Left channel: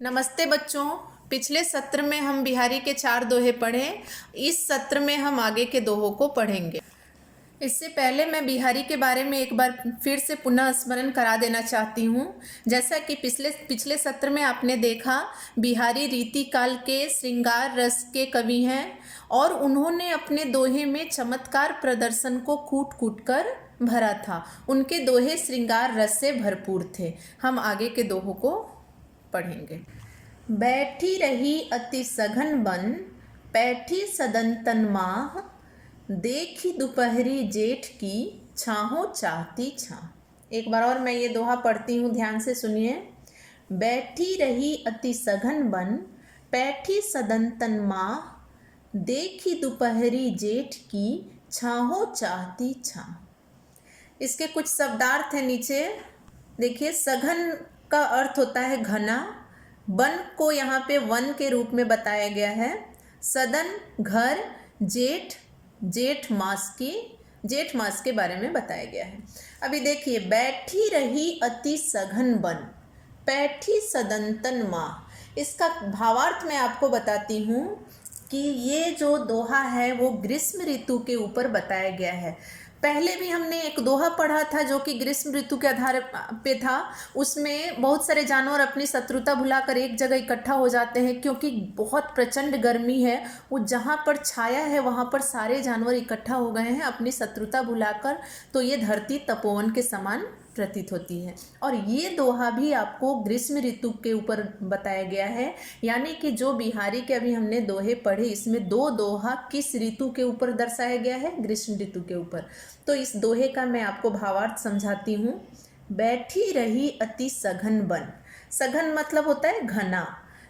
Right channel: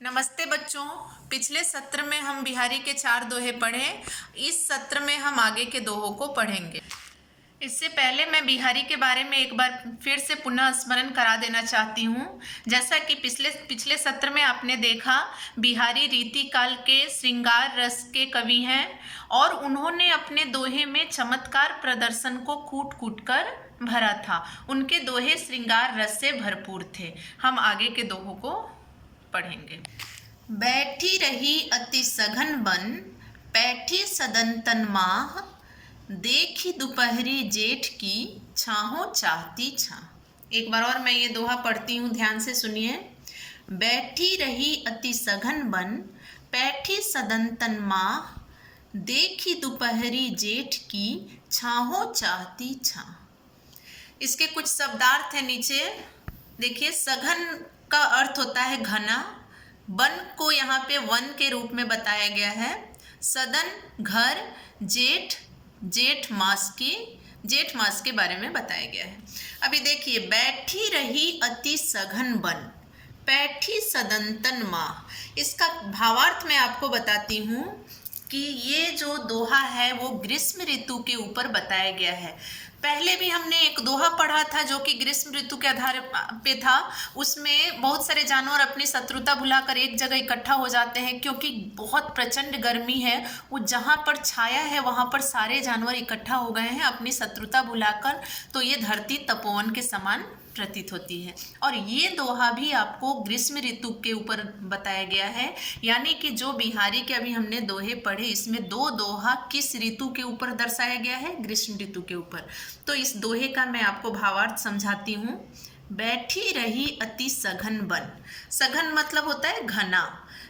नमस्ते बच्चों। पिछले सत्र में हम बिहारी के 4 दोहे पढ़े। इस सत्र में हम आगे के दोहों को पढ़ेंगे। इससे पहले मैं बिहारी के बारे में एक बार फिर से पुनः स्मरण करा देना चाहती हूँ। जैसा कि पिछले सत्र में आपने देखा, बिहारी रीति काल के श्रृंगार रस के कवि हैं और उन्होंने अपने दोहे में चमत्कार प्रदर्शन को कूट कूट कर भरा था। उनके दोहे श्रृंगार रस से भरपूर थे। हम आगे के दोहों को पढ़ेंगे। बैठी रही अति सघन बन, पैठी सदंतन माह, देखी दोपहरी जेठ की, छाहों चाहती छाह। एक बार और मैं ये दोहा पढ़ती हूँ, ध्यान से सुनिए। बैठी रही अति सघन बन, पैठी सदंतन माह, देखी दोपहरी जेठ की, छाहों चाहती छाह। इसके कुछ शब्दार्थ हैं नीचे देखिए। सघन का अर्थ होता है घना। वन को यहाँ पे वन के रूप में बताया गया है। सदन घर, जेठ जेठ मास के बारे में बताया गया है। अभी देखिए, बैठी रही अति सघन वन, पैठी सदंतन माह। इसका भावार्थ मैं आपको बताती हूँ कि ये जो दोहा है वो ग्रीष्म ऋतु के ऊपर बताया गया है। पहले भी हमने एक दोहा पढ़ा था जो कि ग्रीष्म ऋतु के आधार पे था। उसमें बहुत सारे जानवर अपनी शत्रुता भुलाकर एक जगह इकट्ठा हो जाते हैं क्योंकि बहुत प्रचंड गर्मी है। वो जहाँ पर छाया है वहाँ पर सारे जानवर इकट्ठा हो गए हैं अपनी शत्रुता भुलाकर। तो ये धरती तपोवन के समान प्रतीत होती है। और ये दोहा भी आपको ग्रीष्म ऋतु के ऊपर बताया गया है। यानी कि जो बिहारी के अभी हमने दोहे पढ़े, इसमें 2 दोहा किस ऋतु के ऊपर दर्शाया गया है? ग्रीष्म ऋतु के ऊपर। तो इस दोहे का मैं आपको भावार्थ समझाती हूँ। बैठी रही अति सघन बन। सघन मतलब होता है घना।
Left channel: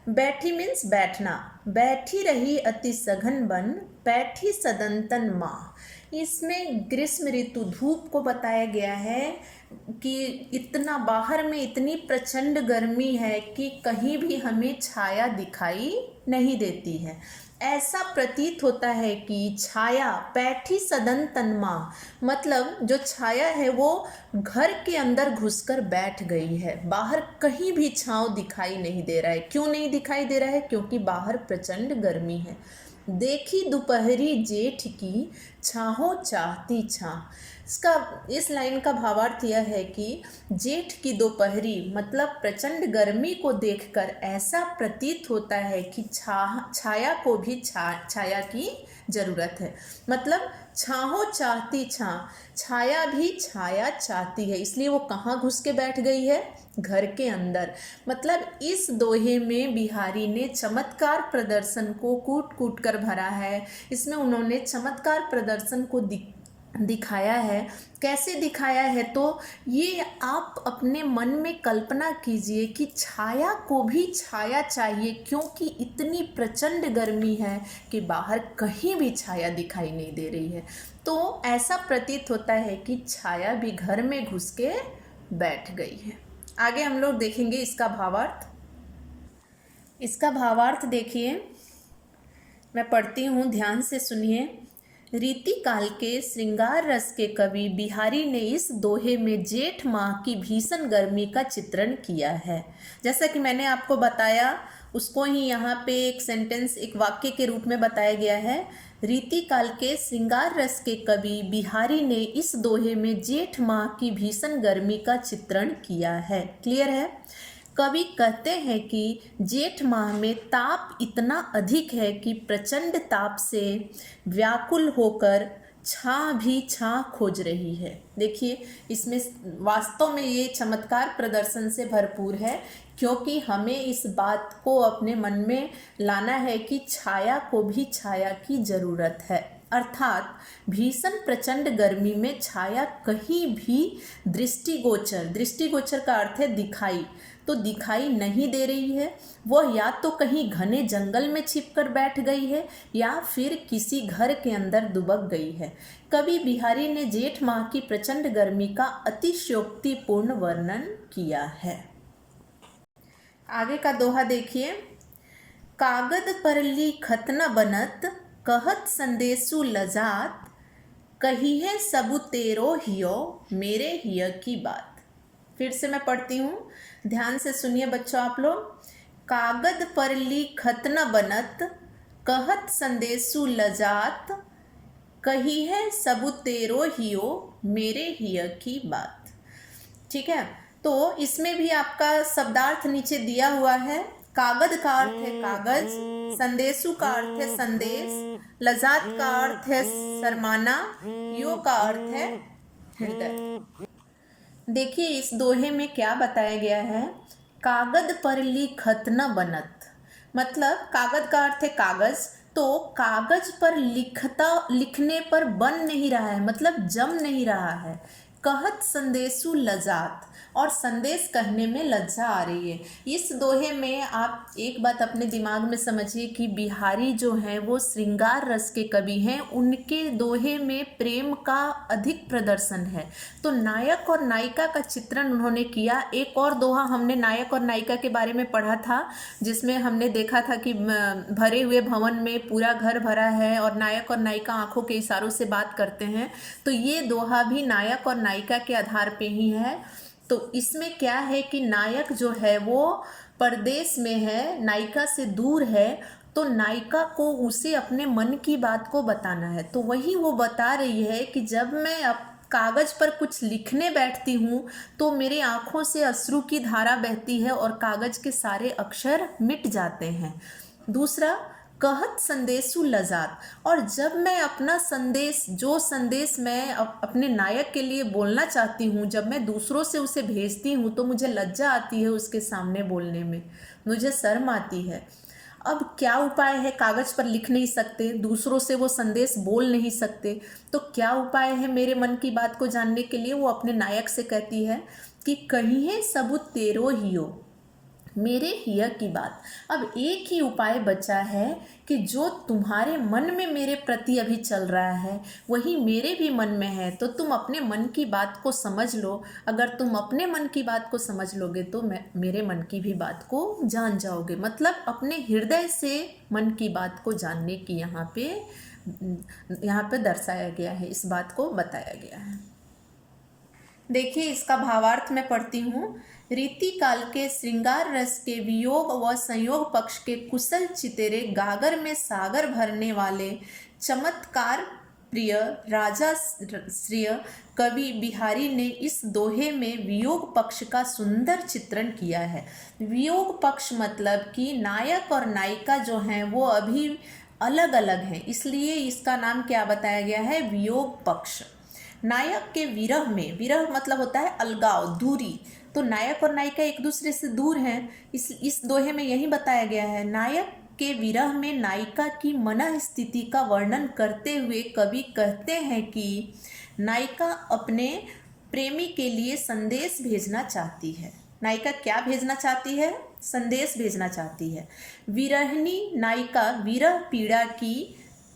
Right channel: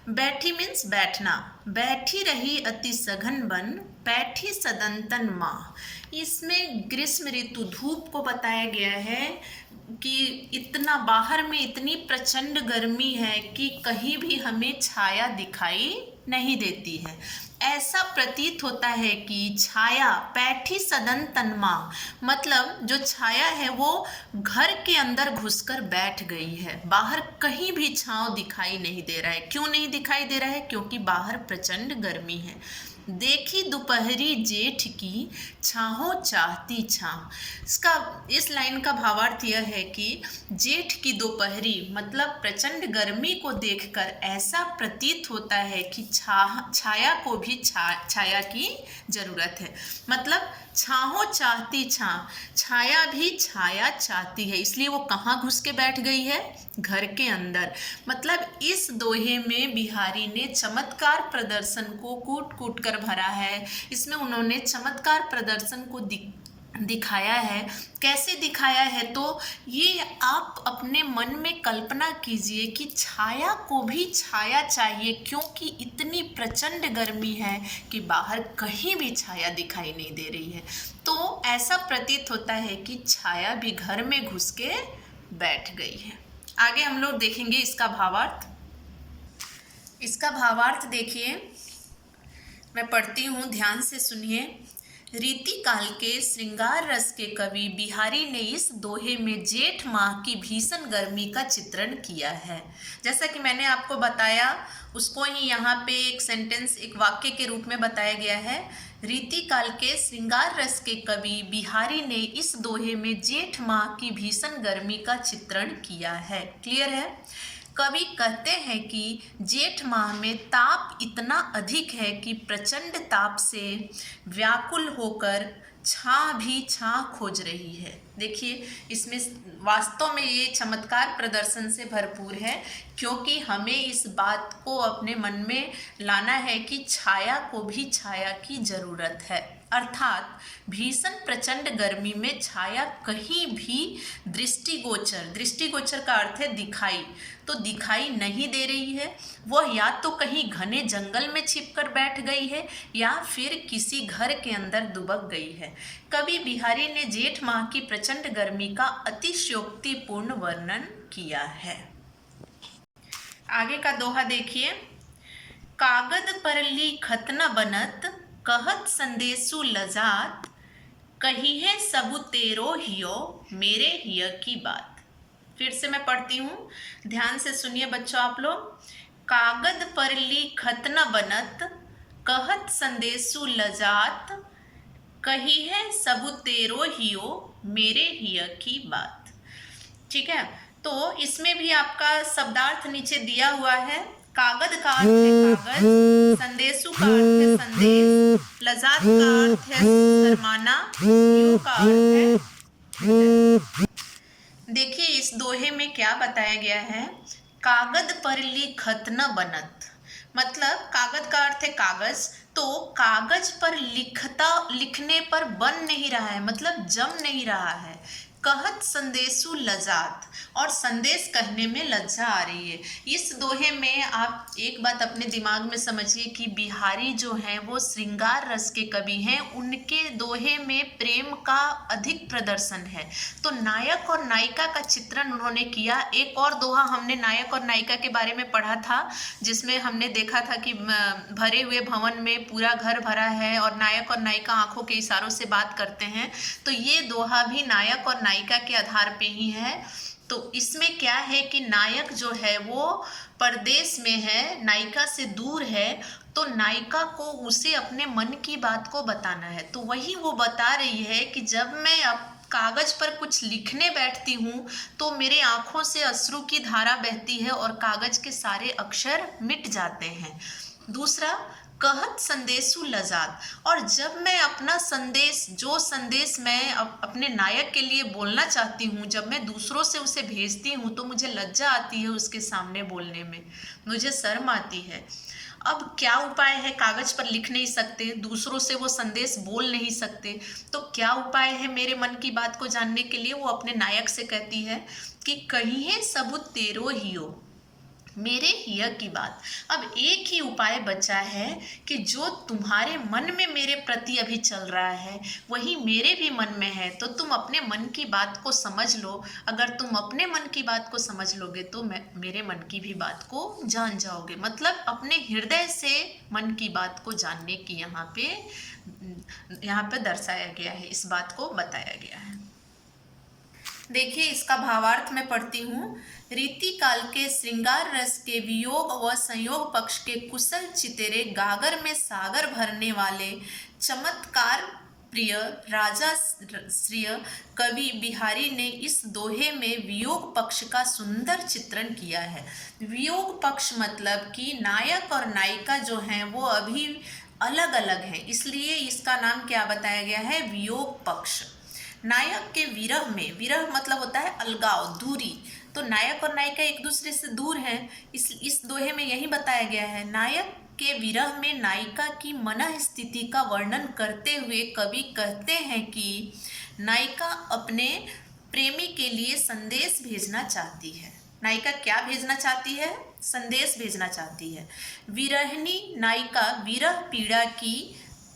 बैठी मीन्स बैठना। बैठी रही अति सघन बन, पैठी सदंतन माह। इसमें ग्रीष्म ऋतु धूप को बताया गया है कि इतना बाहर में इतनी प्रचंड गर्मी है कि कहीं भी हमें छाया दिखाई नहीं देती है। ऐसा प्रतीत होता है कि छाया, पैठी सदंतन माह मतलब जो छाया है वो घर के अंदर घुसकर बैठ गई है। बाहर कहीं भी छांव दिखाई नहीं दे रहा है। क्यों नहीं दिखाई दे रहा है? क्योंकि बाहर प्रचंड गर्मी है। देखी दोपहरी जेठ की, छाहों चाहती छाह। इस लाइन का भावार्थ यह है कि जेठ की दोपहरी मतलब प्रचंड गर्मी को देखकर ऐसा प्रतीत होता है कि छाया को भी छाया की जरूरत है। मतलब छाहों चाहती छाह, छाया भी छाया चाहती है। इसलिए वो कहाँ घुस के बैठ गई है? घर के अंदर। मतलब इस दोहे में बिहारी ने चमत्कार प्रदर्शन को कूट कूट कर भरा है। इसमें उन्होंने चमत्कार प्रदर्शन को दिखाया है। कैसे दिखाया है? तो ये आप अपने मन में कल्पना कीजिए कि छाया को भी छाया चाहिए, क्योंकि इतनी प्रचंड गर्मी है कि बाहर कहीं भी छाया दिखाई नहीं दे रही है। तो ऐसा प्रतीत होता है कि छाया भी घर में घुस के बैठ गई है। आगे हम लोग देखेंगे इसका भावार्थ। इसका भावार्थ देखिए, मैं पढ़ती हूँ, ध्यान से सुनिए। रीति काल के श्रृंगार रस के कवि बिहारी ने इस दोहे में जेठ माह की भीषण गर्मी का चित्रण किया है। जैसा कि मैंने आपको बताया, उसको ही यहाँ पे एक सेंटेंस, एक वाक्य के रूप में बताया गया है। रीति काल के श्रृंगार रस के कवि बिहारी ने इस दोहे में जेठ माह की भीषण गर्मी का चित्रण किया है। क्लियर है? कवि कहते हैं कि जेठ माह में ताप इतना अधिक है कि प्रचंड ताप से व्याकुल होकर छाह भी छाह खोज रही है। देखिए, इसमें वास्तव में ये चमत्कार प्रदर्शन से भरपूर है, क्योंकि हमें इस बात को अपने मन में लाना है कि छाया को भी छाया की ज़रूरत है। अर्थात भीषण प्रचंड गर्मी में छाया कहीं भी दृष्टिगोचर का अर्थ है दिखाई, तो दिखाई नहीं दे रही है। वह या तो कहीं घने जंगल में छिपकर बैठ गई है या फिर किसी घर के अंदर दुबक गई है। कवि बिहारी ने जेठ माह की प्रचंड गर्मी का अतिशयोक्तिपूर्ण वर्णन किया है। आगे का दोहा देखिए। कागद पर लिखत न बनत, कहत संदेशु लजात, कही है सबु तेरो हियो, मेरे हिय की बात। फिर से मैं पढ़ती हूँ, ध्यान से सुनिए बच्चों आप लोग। कागद पर लिखत न बनत, कहत संदेशु लजात, कही है सबु तेरो हियो, मेरे हिय की बात। ठीक है, तो इसमें भी आपका शब्दार्थ नीचे दिया हुआ है। कागज का अर्थ है कागज, संदेशु का अर्थ है संदेश, लजात का अर्थ है शर्माना, हियो का अर्थ है हृदय। देखिए इस दोहे में क्या बताया गया है। कागज पर लिखत न बनत, मतलब कागज का अर्थ है कागज, तो कागज पर लिखने पर बन नहीं रहा है, मतलब जम नहीं रहा है। कहत संदेशु लजात, और संदेश कहने में लज्जा आ रही है। इस दोहे में आप एक बात अपने दिमाग में समझिए कि बिहारी जो हैं वो श्रृंगार रस के कवि हैं, उनके दोहे में प्रेम का अधिक प्रदर्शन है। तो नायक और नायिका का चित्रण उन्होंने किया। एक और दोहा हमने नायक और नायिका के बारे में पढ़ा था, जिसमें हमने देखा था कि भरे हुए भवन में पूरा घर भरा है और नायक और नायिका आंखों के इशारों से बात करते हैं। तो ये दोहा भी नायक और नायिका के आधार पे ही है। तो इसमें क्या है कि नायक जो है वो परदेश में है, नायिका से दूर है, तो नायिका को उसे अपने मन की बात को बताना है। तो वही वो बता रही है कि जब मैं अब कागज पर कुछ लिखने बैठती हूँ तो मेरे आँखों से अश्रु की धारा बहती है और कागज के सारे अक्षर मिट जाते हैं। दूसरा, कहत संदेशु लजात, और जब मैं अपना संदेश, जो संदेश मैं अपने नायक के लिए बोलना चाहती हूँ, जब मैं दूसरों से उसे भेजती हूँ तो मुझे लज्जा आती है उसके सामने बोलने में, मुझे शर्म आती है। अब क्या उपाय है, कागज पर लिख नहीं सकते, दूसरों से वो संदेश बोल नहीं सकते, तो क्या उपाय है मेरे मन की बात को जानने के लिए। वो अपने नायक से कहती है कि कहिए सबु तेरो हियो, मेरे हिय की बात। अब एक ही उपाय बचा है कि जो तुम्हारे मन में मेरे प्रति अभी चल रहा है वही मेरे भी मन में है, तो तुम अपने मन की बात को समझ लो। अगर तुम अपने मन की बात को समझ लोगे तो मैं मेरे मन की भी बात को जान जाओगे। मतलब अपने हृदय से मन की बात को जानने की यहाँ पे दर्शाया गया है, इस बात को बताया गया है। देखिए इसका भावार्थ मैं पढ़ती हूँ। रीति काल के श्रृंगार रस के वियोग व संयोग पक्ष के कुशल चितेरे गागर में सागर भरने वाले चमत्कार प्रिय राजा श्रिय कवि बिहारी ने इस दोहे में वियोग पक्ष का सुंदर चित्रण किया है। वियोग पक्ष मतलब कि नायक और नायिका जो हैं वो अभी अलग अलग हैं, इसलिए इसका नाम क्या बताया गया है, वियोग पक्ष। नायक के विरह में, विरह मतलब होता है अलगाव, दूरी, तो नायक और नायिका एक दूसरे से दूर हैं। इस दोहे में यही बताया गया है। नायक के विरह में नायिका की मन स्थिति का वर्णन करते हुए कवि कहते हैं कि नायिका अपने प्रेमी के लिए संदेश भेजना चाहती है। नायिका क्या भेजना चाहती है, संदेश भेजना चाहती है। विरहिणी नायिका विरह पीड़ा की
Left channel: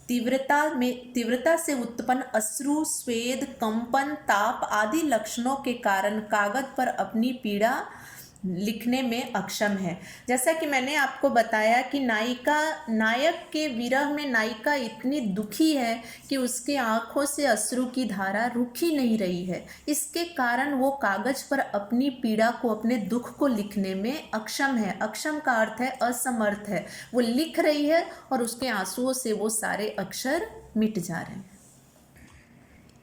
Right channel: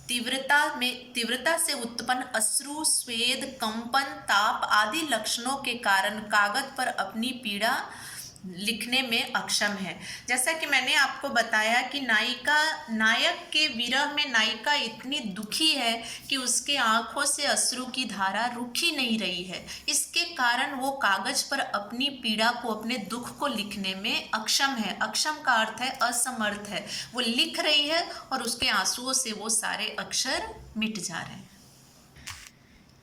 तीव्रता से उत्पन्न अश्रु, स्वेद, कंपन, ताप आदि लक्षणों के कारण कागज पर अपनी पीड़ा लिखने में अक्षम है। जैसा कि मैंने आपको बताया कि नायक के विरह में नायिका इतनी दुखी है कि उसके आंखों से अश्रु की धारा रुक ही नहीं रही है। इसके कारण वो कागज पर अपनी पीड़ा को, अपने दुख को लिखने में अक्षम है। अक्षम का अर्थ है असमर्थ है। वो लिख रही है और उसके आंसुओं से वो सारे अक्षर मिट जा रहे हैं।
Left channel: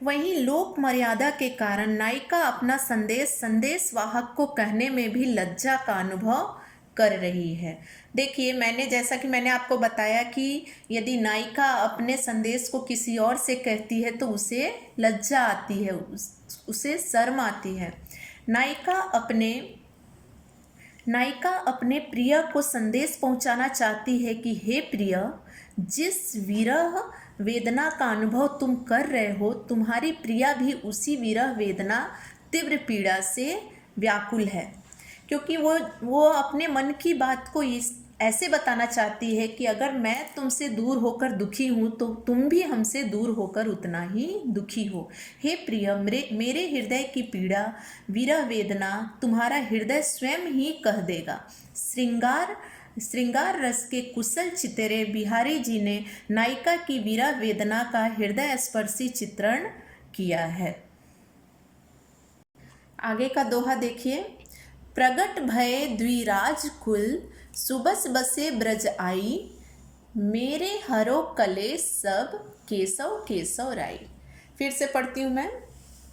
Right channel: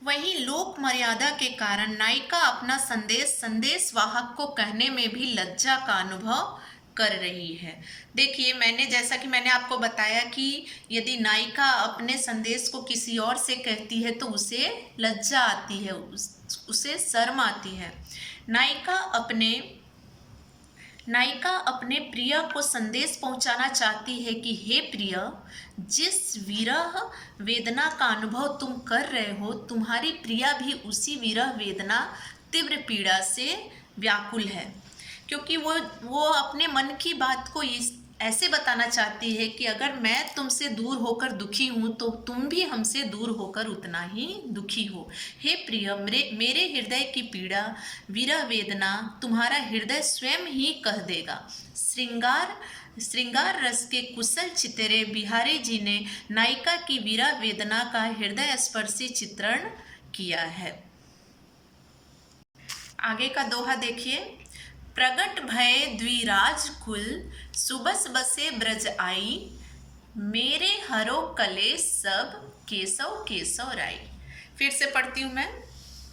वहीं लोक मर्यादा के कारण नायिका अपना संदेश वाहक को कहने में भी लज्जा का अनुभव कर रही है। देखिए जैसा कि मैंने आपको बताया कि यदि नायिका अपने संदेश को किसी और से कहती है तो उसे लज्जा आती है, उसे शर्म आती है। नायिका अपने प्रिय को संदेश पहुंचाना चाहती है कि हे प्रिय, जिस विरह वेदना का अनुभव तुम कर रहे हो, तुम्हारी प्रिया भी उसी विरह वेदना तीव्र पीड़ा से व्याकुल है। क्योंकि वो अपने मन की बात को ऐसे बताना चाहती है कि अगर मैं तुमसे दूर होकर दुखी हूँ तो तुम भी हमसे दूर होकर उतना ही दुखी हो। हे प्रिय, मेरे हृदय की पीड़ा, विरह वेदना तुम्हारा हृदय स्वयं ही कह देगा। श्रृंगार रस के कुशल चितरे बिहारी जी ने नायिका की विरह वेदना का हृदय स्पर्शी चित्रण किया है। आगे का दोहा देखिए। प्रगट भय द्विराज कुल, सुबस बसे ब्रज आई, मेरे हरो कलेश सब, केशव केशव राई। फिर से पढ़ती हूँ मैं।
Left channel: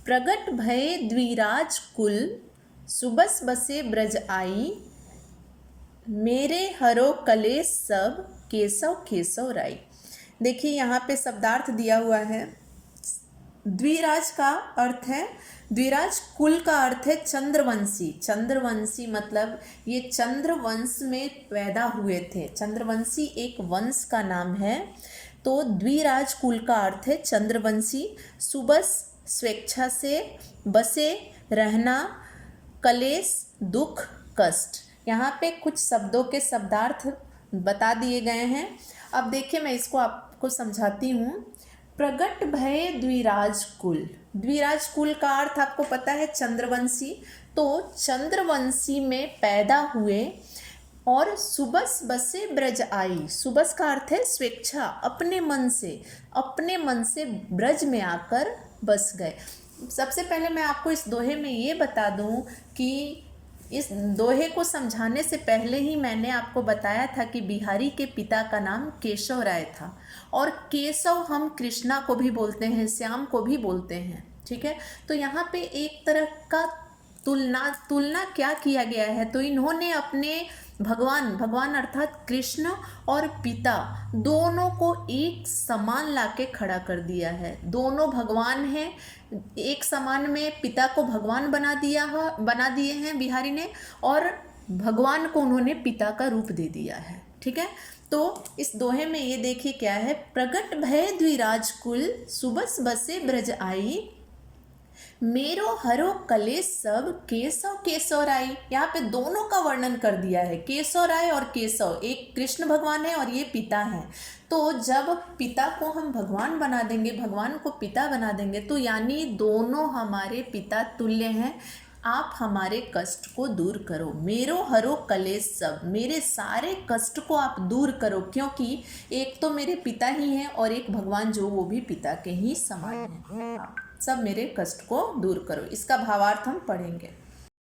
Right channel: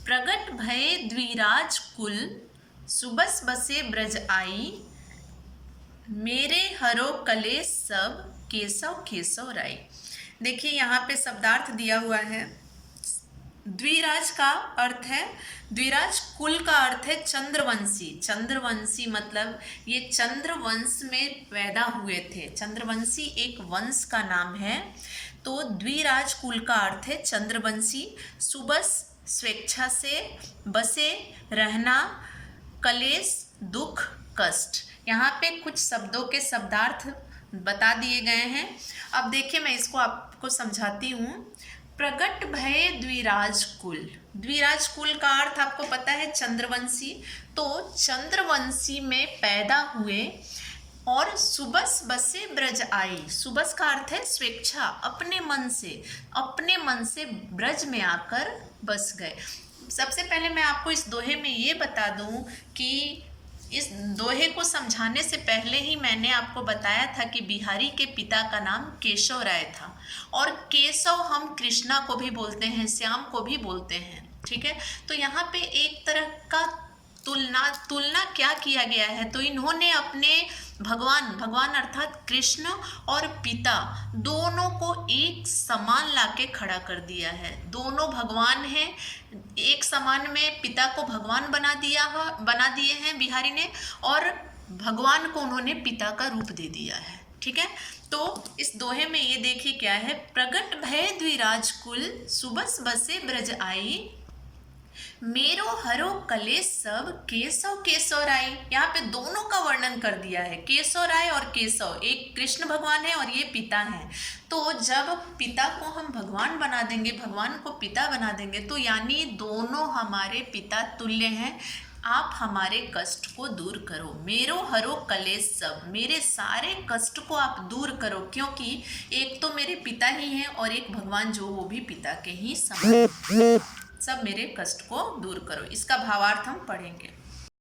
प्रगट भय द्विराज कुल, सुबस बसे ब्रज आई, मेरे हरो कलेश सब, केशव केशव राई। देखिए यहाँ पे शब्दार्थ दिया हुआ है। द्विराज का अर्थ है, द्विराज कुल का अर्थ है चंद्रवंशी। चंद्रवंशी मतलब ये चंद्रवंश में पैदा हुए थे। चंद्रवंशी एक वंश का नाम है। तो द्विराज कुल का अर्थ है चंद्रवंशी। सुबस स्वेच्छा से, बसे रहना, कलेश दुख कष्ट। यहाँ पे कुछ शब्दों के शब्दार्थ बता दिए गए हैं। अब देखिए मैं इसको आपको समझाती हूँ। प्रगट भय द्विराज कुल, द्विराज कुल का अर्थ आपको पता है चंद्रवंशी। तो चंद्रवंशी में पैदा हुए और सुबस बसे ब्रज आई। सुबस का अर्थ है स्वेच्छा, अपने मन से ब्रज में आकर बस गए। सबसे पहले मैं आपको इस दोहे में ये बता दूं कि इस दोहे को समझाने से पहले ही मैंने आपको बताया था कि बिहारी के पिता का नाम केशव राय था। और केशव हम कृष्णा को भी बोलते हैं, श्याम को भी बोलते हैं, ठीक है। तो यहाँ पे एक तरह का तुलना क्या किया गया है, तो इन्होंने अपने भगवान अर्थात कृष्ण और पिता दोनों को एक समान लाके खड़ा कर दिया है। दोनों भगवान हैं, एक समान में पिता को भगवान बना दिए हैं बिहारी ने, और भगवान को उन्होंने पिता का रूप दे दिया है, ठीक है। तो इस दोहे में ये देखिए क्या है। प्रगट भय द्विराज कुल, सुबस बसे ब्रज आई, मेरो हरो कलेश सब, केशव केशव राय। यहाँ पे दोनों का वर्णन कर दिया है, केशव राय और केशव। एक कृष्ण भगवान है और ये पिता हैं। तो जब पिता को हम भगवान बना देंगे, भगवान को पिता बना देंगे, तो यानी दोनों हमारे पिता तुल्य हैं। आप हमारे कष्ट को दूर करो, मेरो हरो कलेश सब, मेरे सारे कष्ट को आप दूर करो, क्योंकि एक तो मेरे पिता ही हैं और एक भगवान जो वो भी पिता के ही समान, सब मेरे कष्ट को दूर करो। इसका भावार्थ हम पढ़ेंगे।